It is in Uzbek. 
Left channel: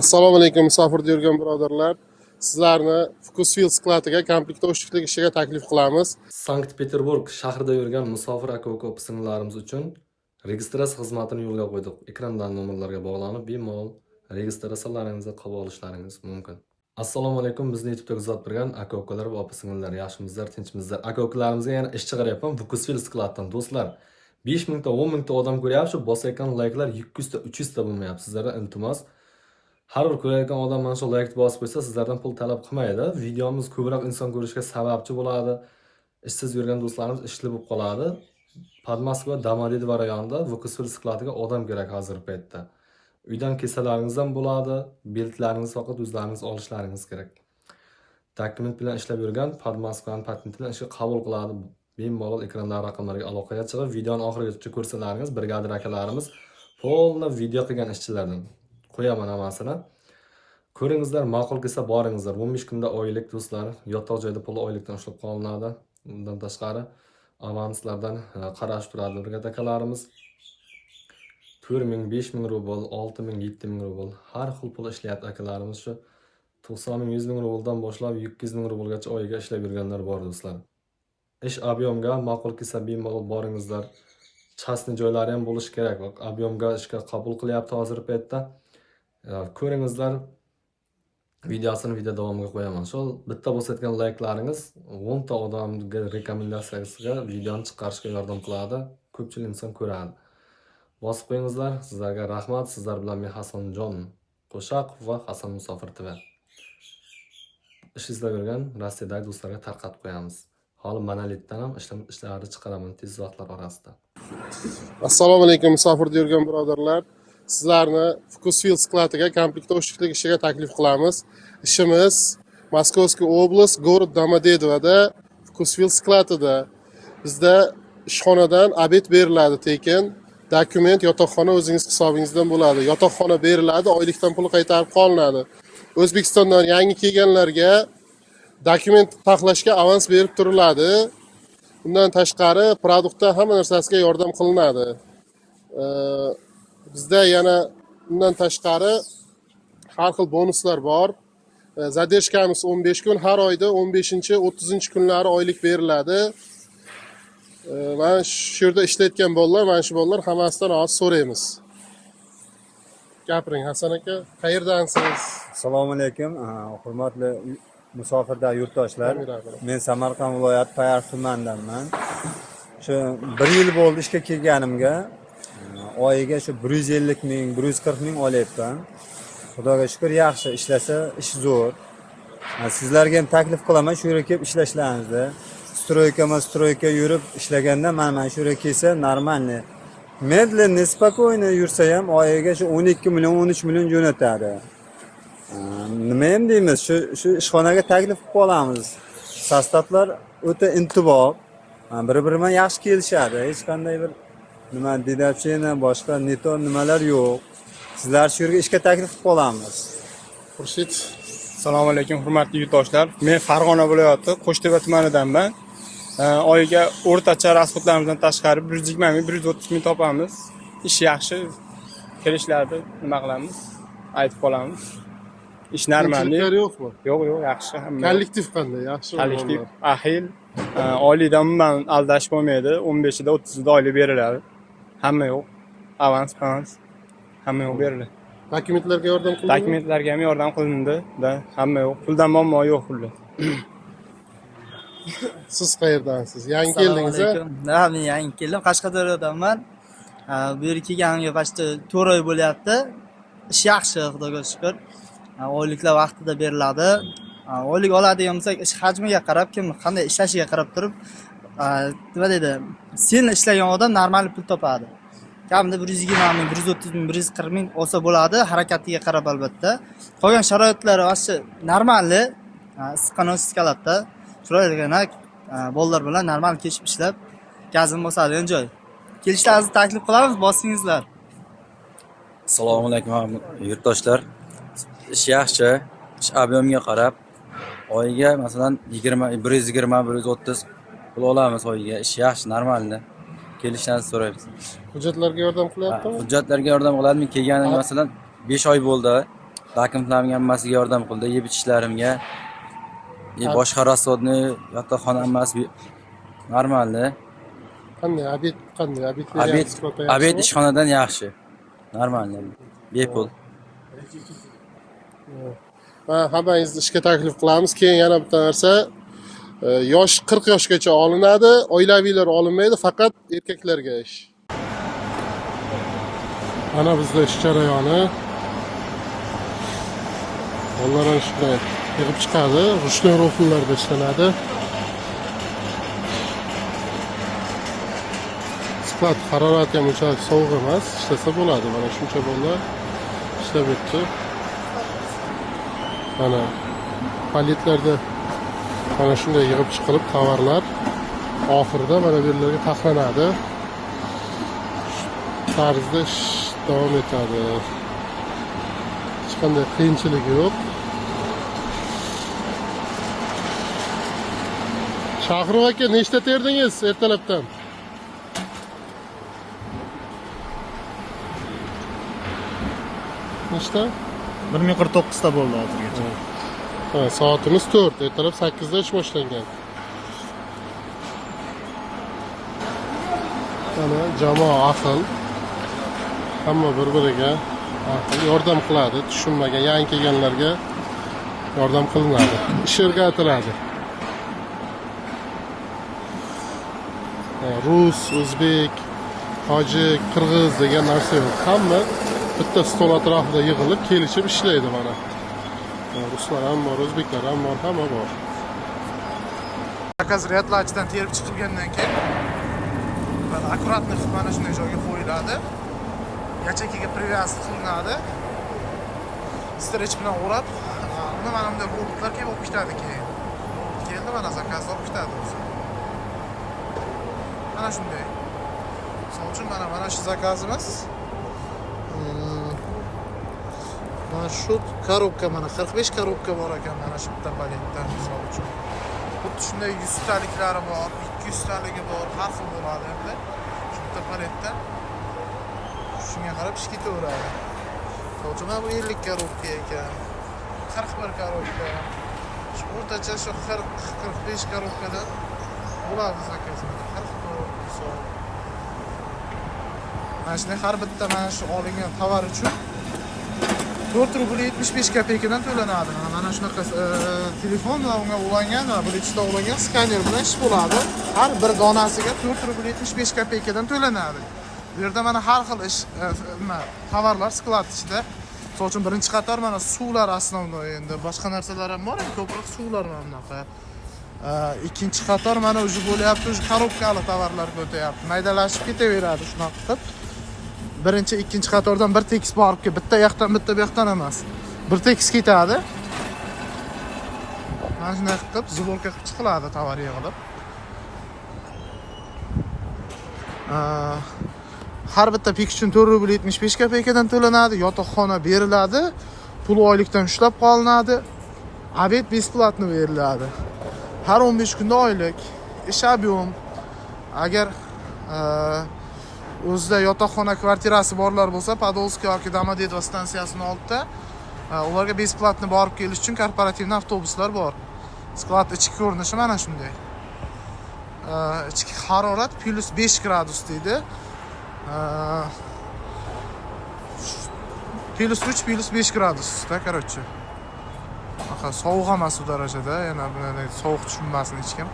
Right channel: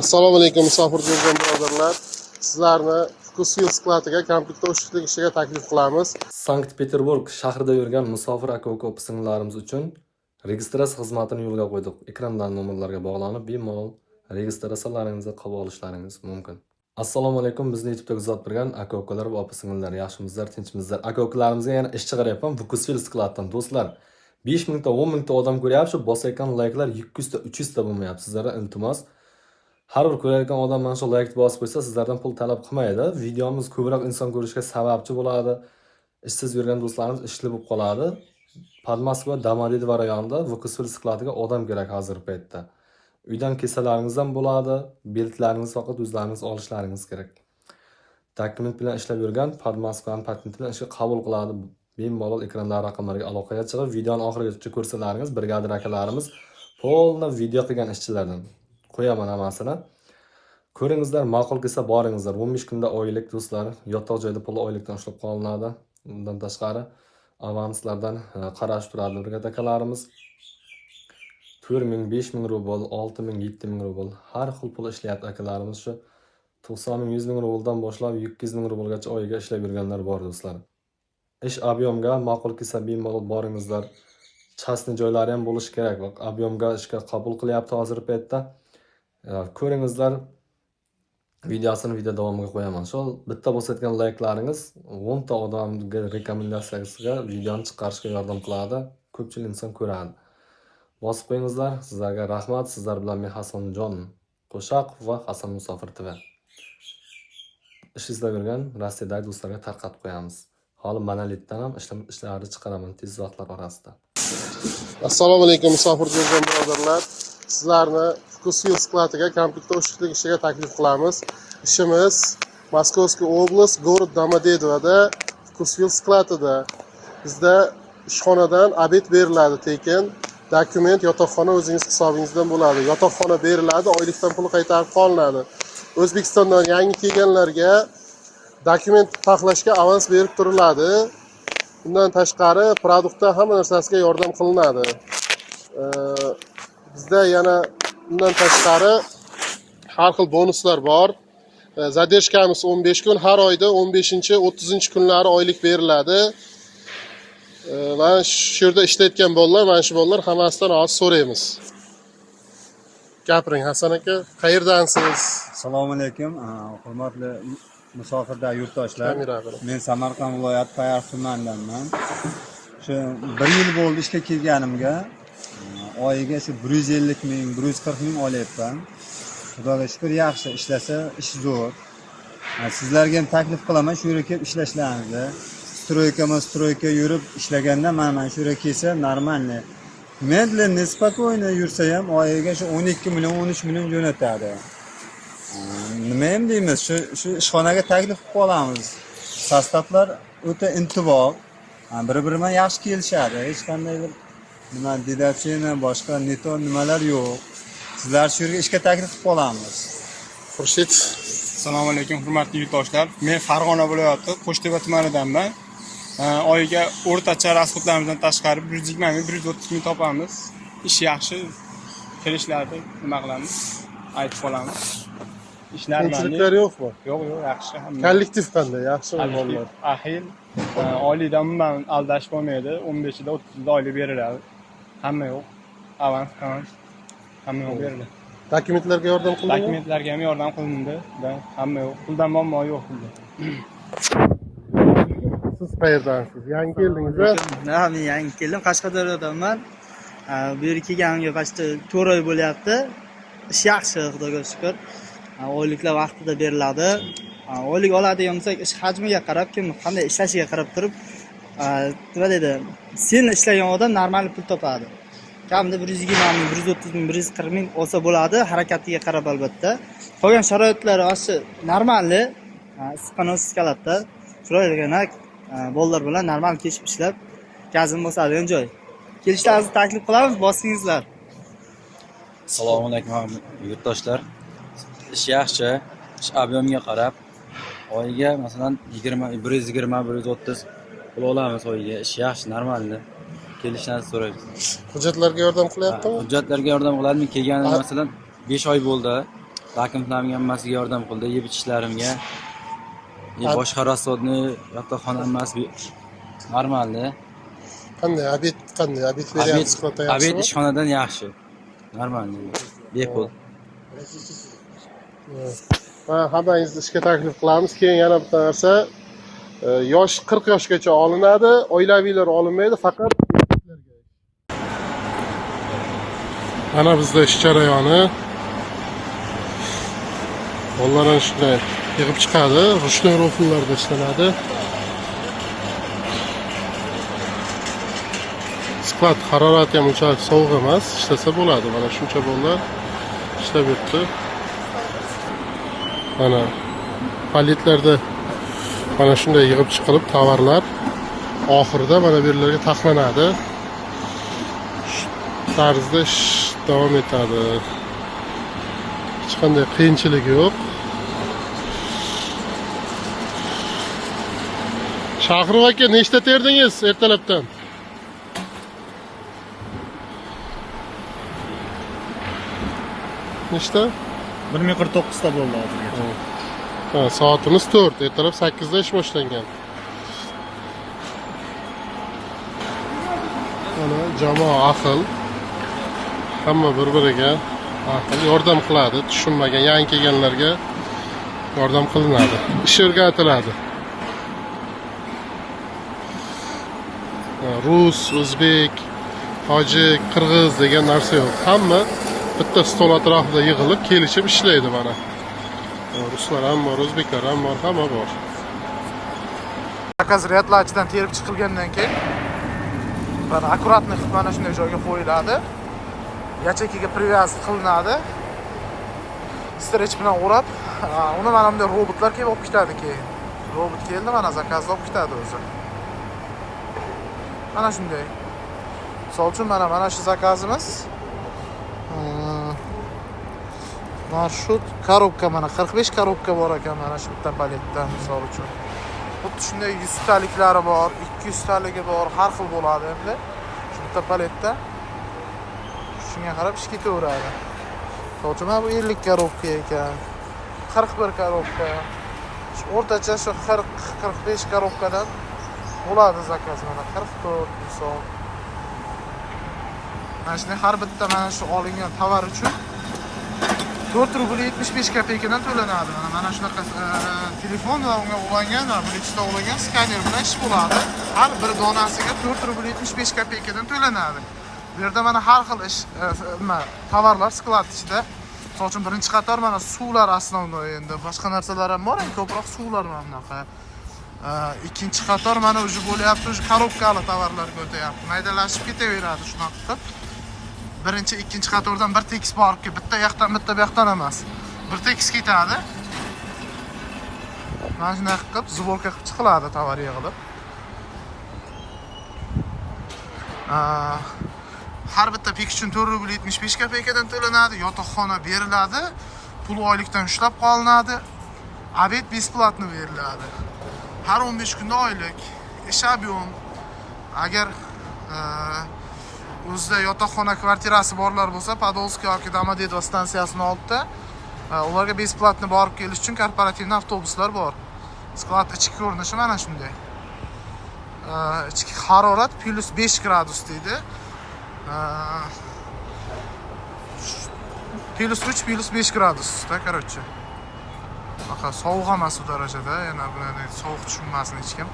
Assalomu alaykum musofir bo'lgan birodarlar. Sizlarni Vkusvil skladiga komplektda o'shliklik ishiga taklif qilamiz. Sankt-Peterburg shahrida yurgan musofir aka-uka opa-singillarimiz uchun registratsiya xizmatini yo'lga qo'ydik. Ekrandan nomerlarga bog'lanib, bemalol registratsiyalaringizni qabul olishlaringiz mumkin. Assalomu alaykum, bizni YouTube'da kuzatib turgan aka-ukalar va opa-singillar, yaxshimizlar, tinchimizlar. Aka-ukalarimizga yana ish chiqaryapman Vkusvil skladdan. Do'stlar, 5000 ta 10 ta odam ko'ryapti, bosayotgan layklar 200 ta 300 ta bo'lmayapti. Sizlardan iltimos, har bir ko'rayotgan odam mana shu like bosib qo'ysa, sizlardan pul talab qilmaydi. Videomiz ko'proq inson ko'rishga sababchi bo'ladi. Ishsiz yurgan do'stlarimiz ishli bo'lib qoladi. Podmoskva Domodedovo rayonida Vkusvil skladiga odam kerak hozir paytda. Uydan kesalaringiz ham bo'ladi, beltlaringiz faqat o'zlaringiz olishlaringiz kerak. Dokument bilan ishlab yurgan Podmoskvaning patenti bilan ishga qabul qiladi. Bemalol ekrandagi raqamlarga aloqaga chiqib, videoni oxirigacha ko'rsalaringiz, brigadir akalarimiz polna video qilgan ishchilardan. Qo'yaman hammasini. Ko'ringizlar, ma'qul kelsa boringizlar. 15 kunda oylik do'stlar, yotoq joyda pul oylikdan ushlab qolinadi. Undan tashqari avanslardan qarashib turadi brigada akalarimiz. 4000, 5000 rubl, 6000, 7000 rubl har xil pul ishlayapti akalarimiz. Shu 90 ming, 100 ming rubldan boshlab 200 ming rublgacha oyiga ishlab yurganlar bor do'stlar. Ish объемga ma'qul kelsa bemalol boringizlar. Chasni joylari ham bo'lishi kerak. Объемga ishga qabul qilyapti hozir paytda. Ko'ringizlar, videosini video davomiga qo'yaman. Shu bitta bosayotgan layklaringiz 10 ta odamga rekomendatsiyasiga videoni chiqarishga yordam qiladi. Ko'pchilik inson ko'radi. Bosib qo'yingizlar. Sizlarga rahmat. Sizlar bilan men Hasanjon Qo'shaqov va Hasan Musofir TV. Ish izlab yurgan Rossiyadagi do'stlarga tarqatib qo'yamiz. Hali monolitdan ham ishlarni chiqaraman tez vaqtlar orasida. Assalomu alaykum musofir bo'lgan birodarlar. Sizlarni Vkusvil skladiga komplektda o'shliklik ishiga taklif qilamiz. Ishimiz Moskovskiy oblast, город Домодедовоda Vkusvil skladida. Bizda ishxonadan obed beriladi tekin. Dokument, yotoqxona o'zingiz hisobingizdan bo'ladi. Yotoqxona beriladi, oylikdan pul qaytarib qolinadi. O'zbekistondan yangi kelganlarga dokument taxlashga avans berib turiladi. Bundan tashqari produktda hamma narsasiga yordam qilinadi. Bizda yana bundan tashqari har xil bonuslar bor. Zadержкamiz 15 kun, har oyda 15-30 kunlari oylik beriladi. Mana shu yerda ishlayotgan bolalar, mana shu bolalar hammasidan hozir so'raymiz. Gapiring Hasan aka, qayerdansiz? Assalomu alaykum, hurmatli musofirda yurtdoshlar. Men Samarqand viloyati Payariq tumanidanman. Shu 1 yil bo'ldi ishga kelganimga. Oyiga shu 150 ming, 140 ming olyapman. Xudoga shukr, yaxshi ishlasa ish zo'r. Sizlarga ham taklif qilaman, shu yerga kelib ishlashlaringizni. Stroyka yurib ishlaganda mana shu yerga kelsa normalni. Medlenniy, spokойно yursa ham oyiga shu 12 million, 13 million jo'natadi. Nima ham deymiz, shu ishxonaga taklif qilib qolamiz. Sostavlar o'ta intiboq, bir-biri bilan yaxshi kelishadi. Hech qanday bir nima dedatsiyani, boshqa neto nimalar yo'q. Sizlar shu yerga ishga taklif qilib qolamiz. Xurshid. Assalomu alaykum hurmatli yurtdoshlar. Men Farg'ona viloyati Qo'shtepa tumanidanman. Oyiga o'rtacha rasxodlarimizdan tashqari 120 ming, 130 ming topamiz. Ish yaxshi. Kelishlarda nima qilamiz? Aytib qolamiz. Ish normal. Qiyinchiliklar yo'qmi? Yo'q, yaxshi. Kollektiv qanday? Yaxshimi bolalar? Ahil. Oylikdan umuman aldash bo'lmaydi. 15 da 30 da oylik beriladi. Hamma yo'q. Avans. Hamma yo'q beriladi. Dokumentlarga yordam qilindimi? Dokumentlarga ham yordam qilindi. Hamma yo'q. Puldan muammo yo'q pulda. Siz qayerdansiz? Yangi keldingiz-a? Ha, men yangi keldim. Qashqadaryodanman. Bu yerga kelganimga почти 4 oy bo'lyapti. Ish yaxshi, xudoga shukr. Oyliklar vaqtida beriladi. Oylik oladigan bo'lsak, ish hajmiga qarab, kim qanday ishlashiga qarab turib, nima deydi, sen ishlagan odam normal pul topadi. Kamida 120 ming, 130 ming, 140 ming olsa bo'ladi, harakatiga qarab albatta. Qolgan sharoitlari vaqti normalni, issiqxona skalatda turadigan bolalar bilan normal kechib ishlab, gazim bo'ladigan joy. Kelishlaringizni taklif qilamiz, bosingizlar. Assalomu alaykum yurtdoshlar. Ish yaxshi, ish объемga qarab oyiga masalan 120, 130 pul olamiz oyiga. Ish yaxshi, normalni. Kelishlaringizni so'raymiz. Hujjatlarga yordam qilyaptimi? Hujjatlarga yordam qiladimi? Kelganim masalan 5 oy bo'ldi. takliflarimga hammasiga yordam qildi, yeb ichishlarimga. Boshqa rasodni yotoqxona hammasi normalni. Qanday obed beryapsiz Sklada yaxshimi? Obed ishxonadan yaxshi. Normalni. Bepul. Va hammangizni ishga taklif qilamiz. Keyin yana bitta narsa, yosh 40 yoshgacha olinadi, oilaviylar olinmaydi, faqat erkaklarga ish. Mana bizda ish jarayoni. Bolalar shunday yig'ib chiqadi, ruchnoy rofllarda ishlanadi. Sklad harorati ham unchalik sovuq emas, ishlasa bo'ladi. Mana shuncha bolalar ishlab yuribdi. Mana paletlarda mana shunday yig'ib chiqilib tovarlar oxirida mana bu yerlarga taxlanadi. Tarzda ish davom etadi. Hech qanday qiyinchilik yo'q. Shahrov aka, nechta terdingiz ertalabdan? Nechta? 1049 ta bo'ldi hozirgacha. Ha, soatimiz 4. Ertalab 8 da ish boshlangan. Mana jamoa ahil. Hamma bir-biriga ahil yordam qiladi. Tushunmagan, yangi kelganlarga yordam qilinadi. Ish o'rgatiladi. Rus, o'zbek, tojik, qirg'iz degan narsa yo'q. Hamma bitta stol atrofida yig'ilib kelishib ishlaydi mana. Ruslar ham bor, o'zbeklar ham bor, hamma bor. Zakaz ryadlachidan terib chiqilgandan keyin mana akkuratni mana shunday joyga qo'yiladi. Yachakiga привязка qilinadi. Strech bilan o'rab, uni mana bunday robotlar kelib olib ketadi keyin. Robot keldi, mana zakazni olib ketadi o'zi. Mana shunday. Misol uchun mana shu zakazimiz. Marshut korobka mana 45 korobka bor ekan mana shu bitta paletda misol uchun. Xuddi shunday 100 taliklari bor, 200 taligi bor, har xil bo'ladi endi. Shu bitta paletda shunga qarab ish ketaveradi. Misol uchun bu 50 korobka ekan, 41 korobka. O'rtacha shu 40-45 korobkadan bo'ladi zakaz mana 44 misol. Mana har bitta mana shu olingan tovar uchun 4 rubl 75 kopeykadan to'lanadi. Mana shunaqa telefon bilan unga ulangan va Bluetoothda ulangan skaner bilan ish bo'ladi. Har bir donasiga 4 rubl 75 kopeykadan to'lanadi. Bu yerda mana har xil ish tovarlar sklad ichida. Misol uchun birinchi qator mana suvlar asnovnoy endi boshqa narsalar ham bor, ko'proq suvlar mana bunaqa. Ikkinchi qator mana o'zi bo'lyapti, o'zi korobkali tovarlarga o'tyapti. Maydalashib ketaveradi shunaqa qilib. Birinchi, ikkinchi qatordan bir tekis borib kelib, bitta yoqdan bitta bu yoqdan emas. Bir tekis ketadi. Mana shunday qilib zubolka qilib chiqiladi tovar yig'ilib. Har bitta pik uchun 4 rubl 75 kopeykadan to'lanadi, yotoqxona beriladi, pul oylikdan ushlab qolinadi. Obed besplatno beriladi. Har 15 kunda oylik ish ob'yom. Agar o'zida yotoqxona kvartirasi borlar bo'lsa, Podolsk yoki Domodedovo stansiyasining oldida ularga besplatno borib kelish uchun korporativniy avtobuslar bor. Sklad ichki ko'rinishi mana shunday. Ichki harorat +5 gradus deydi. +3 +5 gradusda, короче. Sovuq emas u darajada, yana bunday sovuq tushunmasin hech kim.